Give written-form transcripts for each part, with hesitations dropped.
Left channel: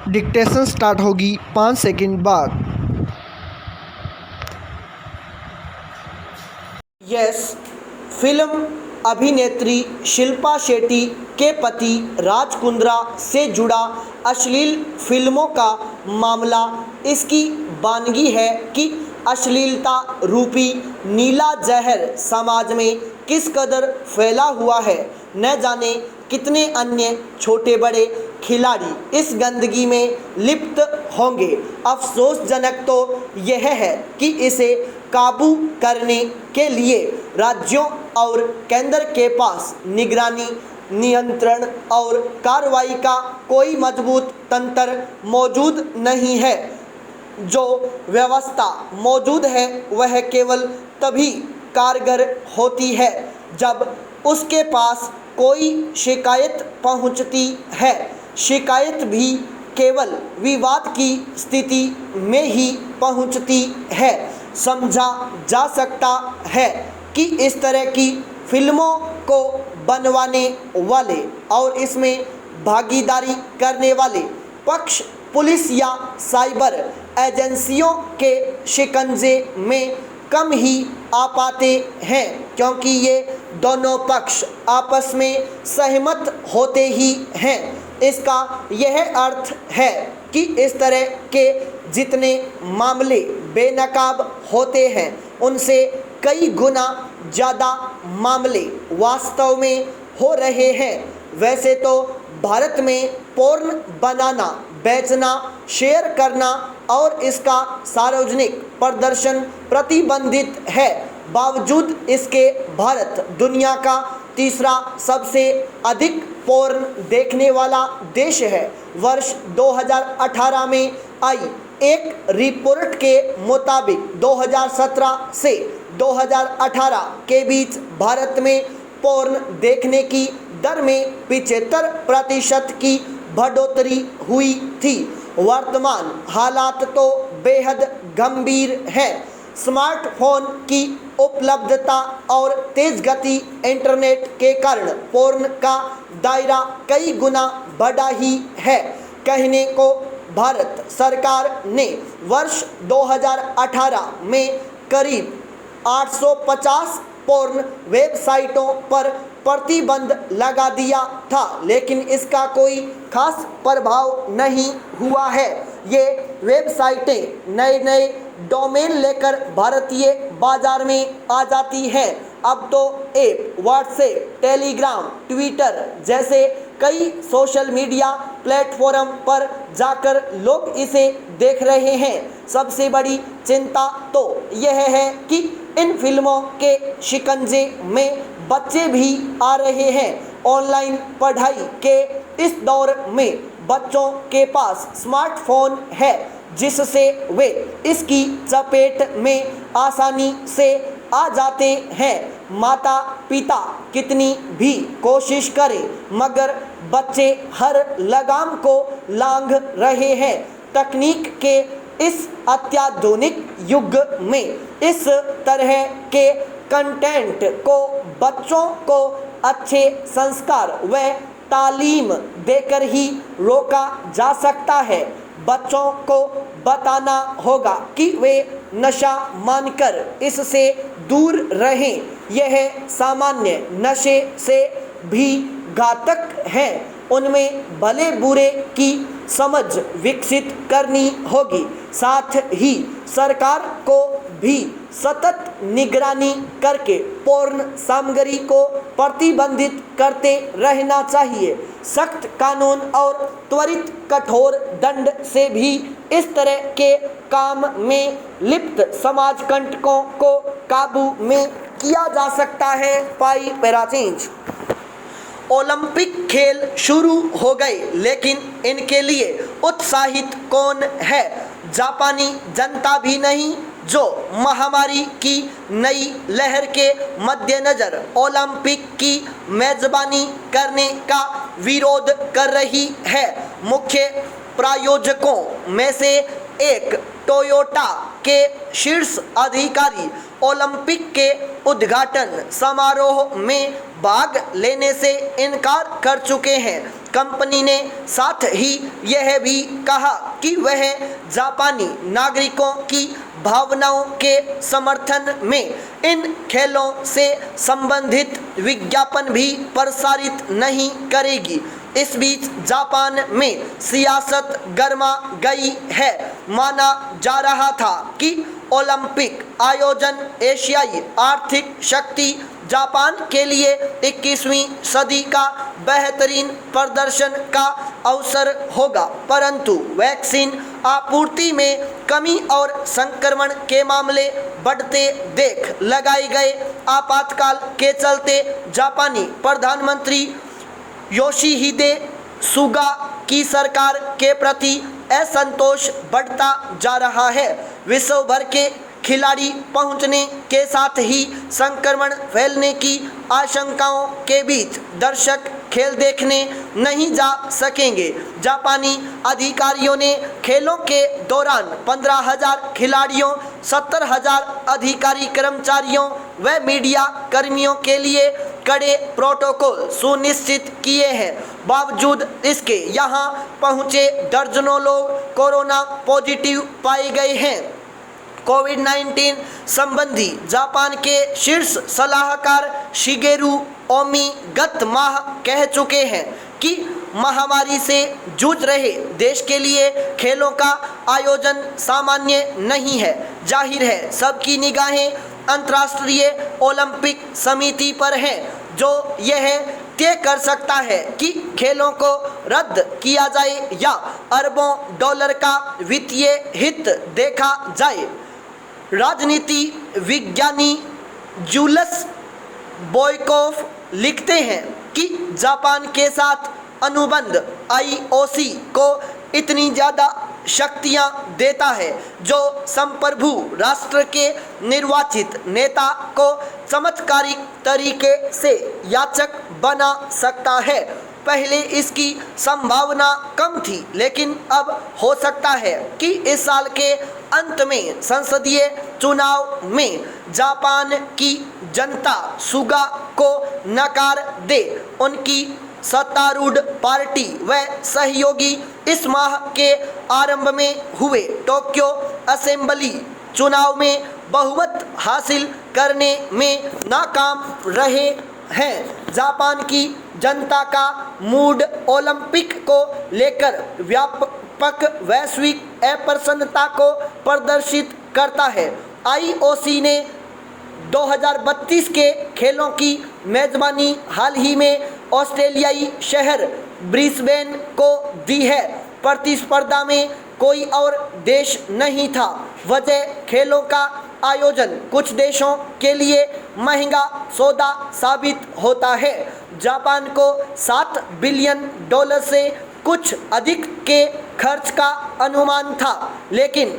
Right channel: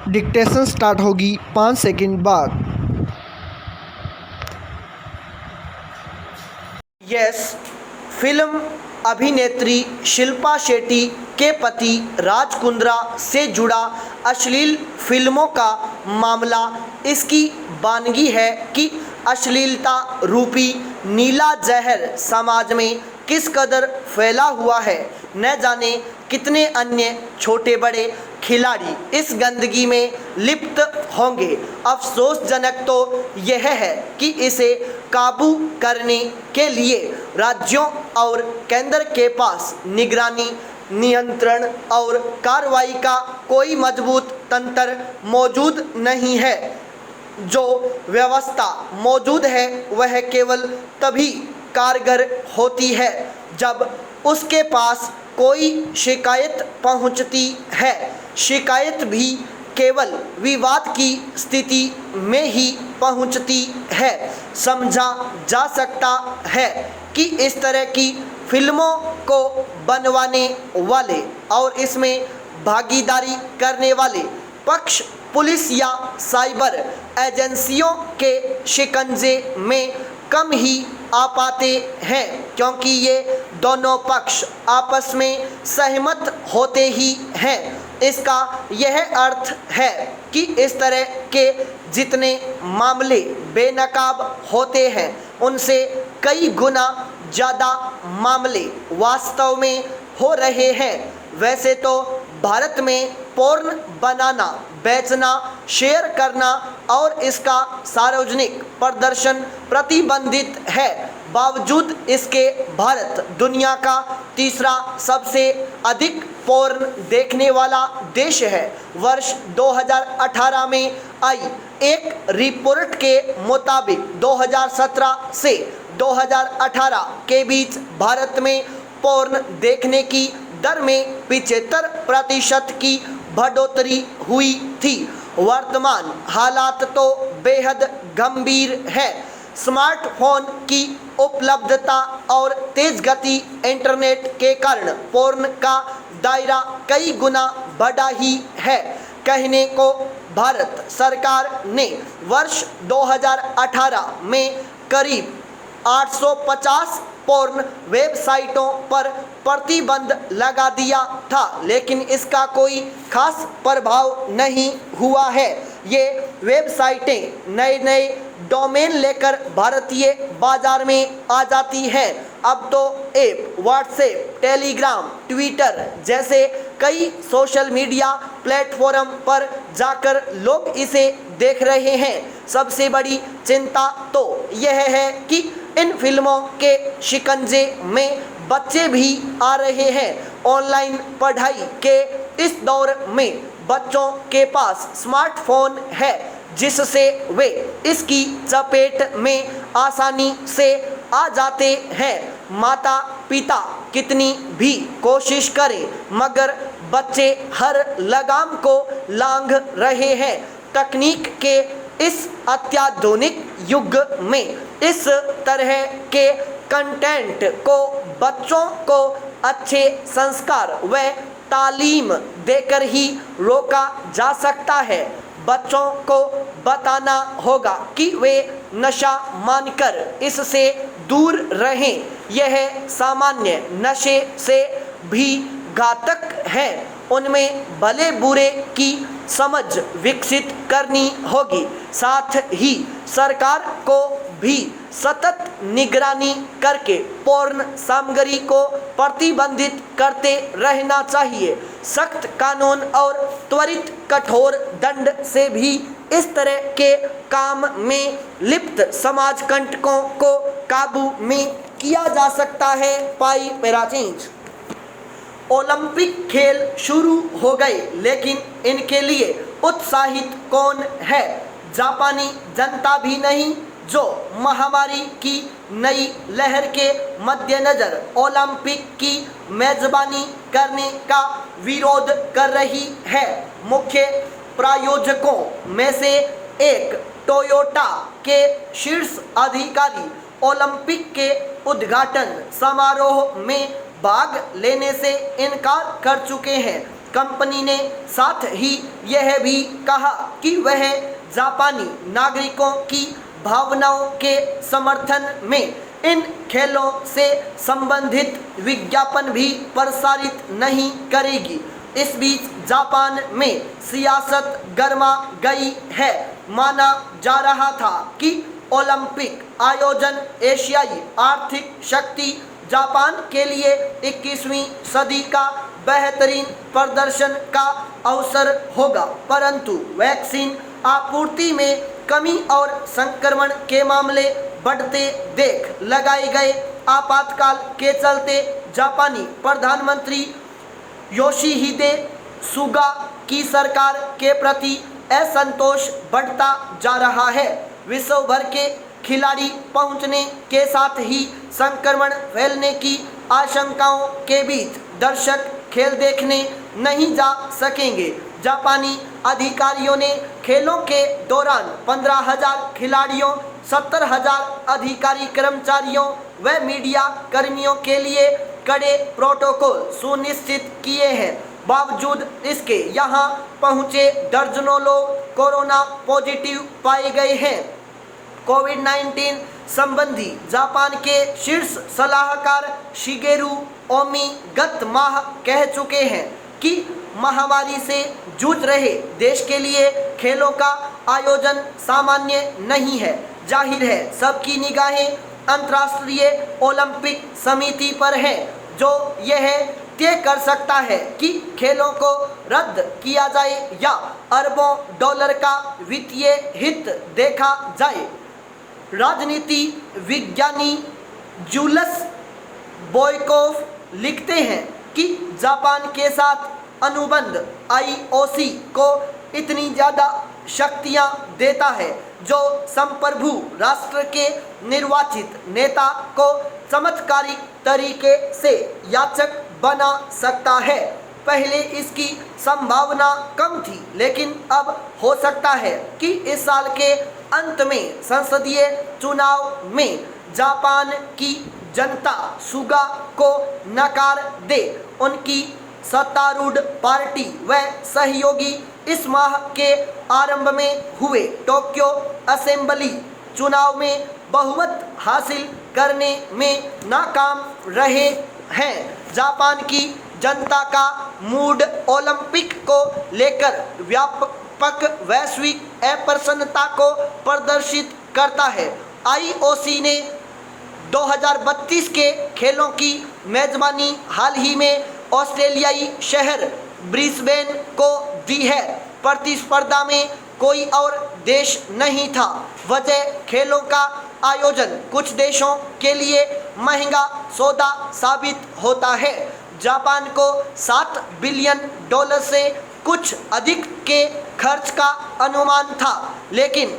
Dictation start होगी 5 second बाद। Yes, film अभिनेत्री शिल्पा शेट्टी के पति राज कुंद्रा से जुड़ा अश्लील फिल्मों का मामला इसकी बानगी है कि अश्लीलता रूपी नीला जहर समाज में किस कदर फैला हुआ है। न जाने कितने अन्य छोटे बड़े खिलाड़ी इस गंदगी में लिप्त होंगे। अफसोसजनक तो यह है कि इसे काबू करने के लिए राज्यों और केंद्र के पास निगरानी, नियंत्रण और कार्रवाई का कोई मजबूत तंत्र मौजूद नहीं है। जो व्यवस्था मौजूद है वह केवल तभी कारगर होती है जब उसके पास कोई शिकायत पहुंचती है। शिकायत भी केवल विवाद की स्थिति में ही पहुंचती है। समझा जा सकता है कि इस तरह की फिल्मों को बनवाने वाले और इसमें भागीदारी करने वाले पक्ष पुलिस या साइबर एजेंसियों के शिकंजे में कम ही आ पाते हैं, क्योंकि ये दोनों पक्ष आपस में सहमत होते ही हैं। इसका यह अर्थ है कि इस तरह के जितने मामले बेनकाब होते हैं उनसे कई गुना ज़्यादा मामले वास्तव में हो रहे हैं। वैसे तो भारत में पोर्न बनाना, बेचना, शेयर करना और इसका सार्वजनिक प्रदर्शन प्रतिबंधित है। बावजूद इसके भारत दुनिया का तीसरा सबसे अधिक पोर्न देखने वाला देश है। वर्ष 2018 में आई एक रिपोर्ट के मुताबिक 2017 से 2018 के बीच भारत में पोर्न देखने की दर में 75% की बढ़ोतरी हुई थी। वर्तमान हालात तो बेहद गंभीर है। स्मार्टफोन की उपलब्धता और तेज गति इंटरनेट के कारण पोर्न का दायरा कई गुना बढ़ा ही है। कहने को भारत सरकार ने वर्ष 2018 में करीब 850 पोर्न वेबसाइटों पर प्रतिबंध लगा दिया था, लेकिन इसका कोई खास प्रभाव नहीं हुआ है। ये वेबसाइटें नए नए डोमेन लेकर भारतीय बाजार में आ जाती हैं। अब तो ऐप व्हाट्सएप, टेलीग्राम, ट्विटर जैसे कई सोशल मीडिया प्लेटफॉर्म पर जाकर लोग इसे देख रहे हैं। सबसे बड़ी चिंता तो यह है कि इन फिल्मों के शिकंजे में बच्चे भी आ रहे हैं। ऑनलाइन पढ़ाई के इस दौर में बच्चों के पास स्मार्टफोन है, जिससे वे इसकी चपेट में आसानी से आ जाते हैं। माता पिता कितनी भी कोशिश करें मगर बच्चे हर लगाम को लांघ रहे हैं। तकनीक के इस अत्याधुनिक युग में इस तरह के कंटेंट को बच्चों को अच्छे संस्कार व तालीम देकर ही रोका जा सकता है। बच्चों को बताना होगा कि वे नशा मानकर इससे दूर रहें। यह सामान्य नशे से भी घातक है। उनमें भले बुरे की समझ विकसित करनी होगी। साथ ही सरकार को भी सतत निगरानी करके पोर्न सामग्री को प्रतिबंधित करते रहना चाहिए। सख्त कानून और त्वरित कठोर दंड से भी इस तरह के काम में लिप्त समाज कंटकों को काबू में किया जा सकता है। पाई पैराचेंज। ओलंपिक खेल शुरू हो गए, लेकिन इनके लिए उत्साहित कौन है? जापानी जनता भी नहीं, जो महामारी की नई लहर के मद्देनज़र ओलंपिक की मेज़बानी करने का विरोध कर रही है। मुख्य प्रायोजकों में से एक टोयोटा के शीर्ष अधिकारी ओलंपिक के उद्घाटन समारोह में भाग लेने से इनकार कर चुके हैं। कंपनी ने साथ ही यह भी कहा कि वह जापानी नागरिकों की भावनाओं के समर्थन में इन खेलों से संबंधित विज्ञापन भी प्रसारित नहीं करेगी। इस बीच जापान में सियासत गर्मा गई है। माना जा रहा था कि ओलंपिक आयोजन एशियाई आर्थिक शक्ति जापान के लिए 21वीं सदी का बेहतरीन प्रदर्शन का अवसर होगा, परंतु वैक्सीन आपूर्ति में कमी और संक्रमण के मामले बढ़ते देख लगाए गए आपातकाल के चलते जापानी प्रधानमंत्री योशिहिदे सुगा की सरकार के प्रति असंतोष बढ़ता जा रहा है। विश्व भर के खिलाड़ी पहुंचने के साथ ही संक्रमण फैलने की आशंकाओं के बीच दर्शक खेल देखने नहीं जा सकेंगे। जापानी अधिकारियों ने खेलों के दौरान 15,000 खिलाड़ियों, 70,000 अधिकारी कर्मचारियों व मीडिया कर्मियों के लिए कड़े प्रोटोकॉल सुनिश्चित किए हैं। बावजूद इसके यहाँ पहुँचे दर्जनों लोग कोरोना पॉजिटिव पाए गए हैं। कोविड-19 संबंधी जापान के शीर्ष सलाहकार शिगेरू ओमी गत माह कह चुके हैं कि महामारी से जूझ रहे देश के लिए खेलों का आयोजन सामान्य नहीं है। जाहिर है सबकी निगाहें अंतर्राष्ट्रीय ओलंपिक समिति पर है, जो यह तय कर सकता है कि खेलों को रद्द किया जाए या अरबों डॉलर का वित्तीय हित देखा जाए। राजनीति विज्ञानी जूलस बोयकोव लिखते हैं कि जापान के साथ अनुबंध IOC को इतनी ज़्यादा शक्तियां देता है जो संप्रभु राष्ट्र के निर्वाचित नेता को चमत्कारिक तरीके से याचक बना सकता है। पहले इसकी संभावना कम थी, लेकिन अब हो सकता है कि इस साल के अंत में संसदीय चुनाव में जापान की जनता सुगा को नकार दे। उनकी सत्तारूढ़ पार्टी व सहयोगी इस माह के आरंभ में हुए टोक्यो असेंबली चुनाव में बहुमत हासिल करने में नाकाम रहे हैं। जापान की जनता का मूड ओलंपिक को लेकर व्यापक वैश्विक अप्रसन्नता को प्रदर्शित करता है। IOC ने 2032 के खेलों की मेजबानी हाल ही में ऑस्ट्रेलियाई शहर ब्रिस्बेन को दी है। प्रतिस्पर्धा में कोई और देश नहीं था। वजह खेलों का आयोजन कुछ देशों के लिए महंगा सौदा साबित होता है। जापान को $7 बिलियन से कुछ अधिक के खर्च का अनुमान था, लेकिन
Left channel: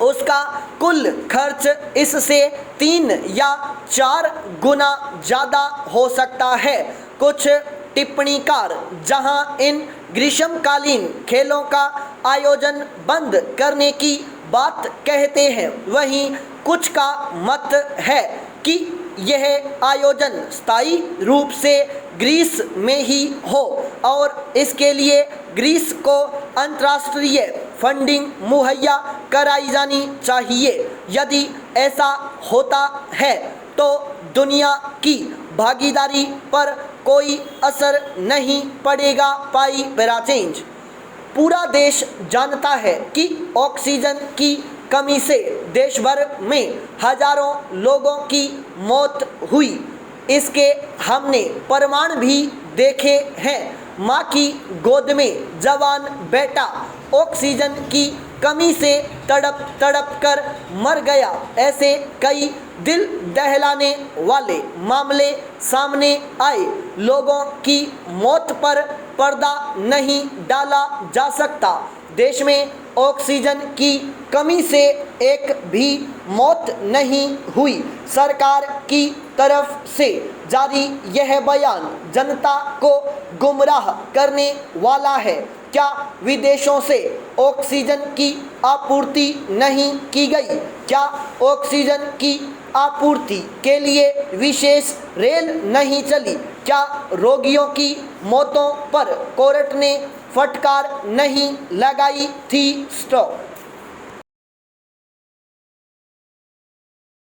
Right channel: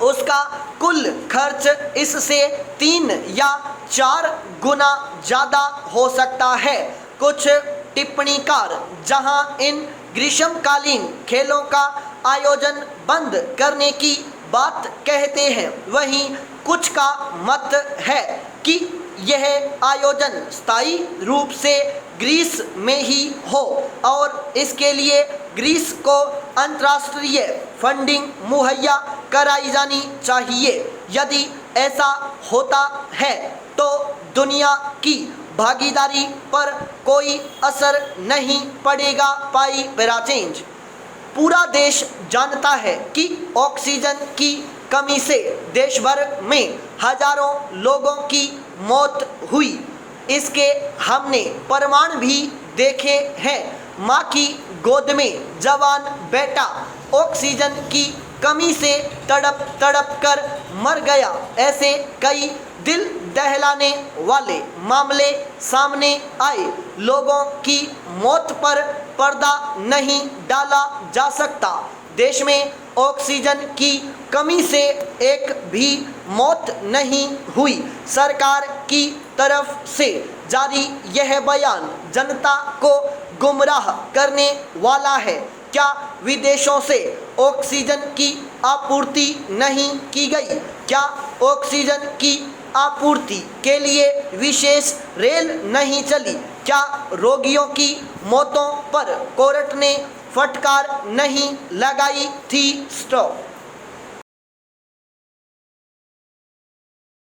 उसका कुल खर्च इससे 3 या 4 गुना ज़्यादा हो सकता है। कुछ टिप्पणीकार जहां इन ग्रीष्मकालीन खेलों का आयोजन बंद करने की बात कहते हैं, वहीं कुछ का मत है कि यह आयोजन स्थायी रूप से ग्रीस में ही हो और इसके लिए ग्रीस को अंतर्राष्ट्रीय फंडिंग मुहैया कराई जानी चाहिए। यदि ऐसा होता है तो दुनिया की भागीदारी पर कोई असर नहीं पड़ेगा। पाई पैरा चेंज। पूरा देश जानता है कि ऑक्सीजन की कमी से देश भर में हजारों लोगों की मौत हुई। इसके हमने प्रमाण भी देखे हैं। माँ की गोद में जवान बेटा ऑक्सीजन की कमी से तड़प तड़प कर मर गया। ऐसे कई दिल दहलाने वाले मामले सामने आए। लोगों की मौत पर पर्दा नहीं डाला जा सकता। देश में ऑक्सीजन की कमी से एक भी मौत नहीं हुई। सरकार की तरफ से जारी यह बयान जनता को गुमराह करने वाला है। क्या विदेशों से ऑक्सीजन की आपूर्ति नहीं की गई? क्या ऑक्सीजन की आपूर्ति के लिए विशेष रेल नहीं चली? क्या रोगियों की मौतों पर कोर्ट ने फटकार नहीं लगाई थी? स्टॉप।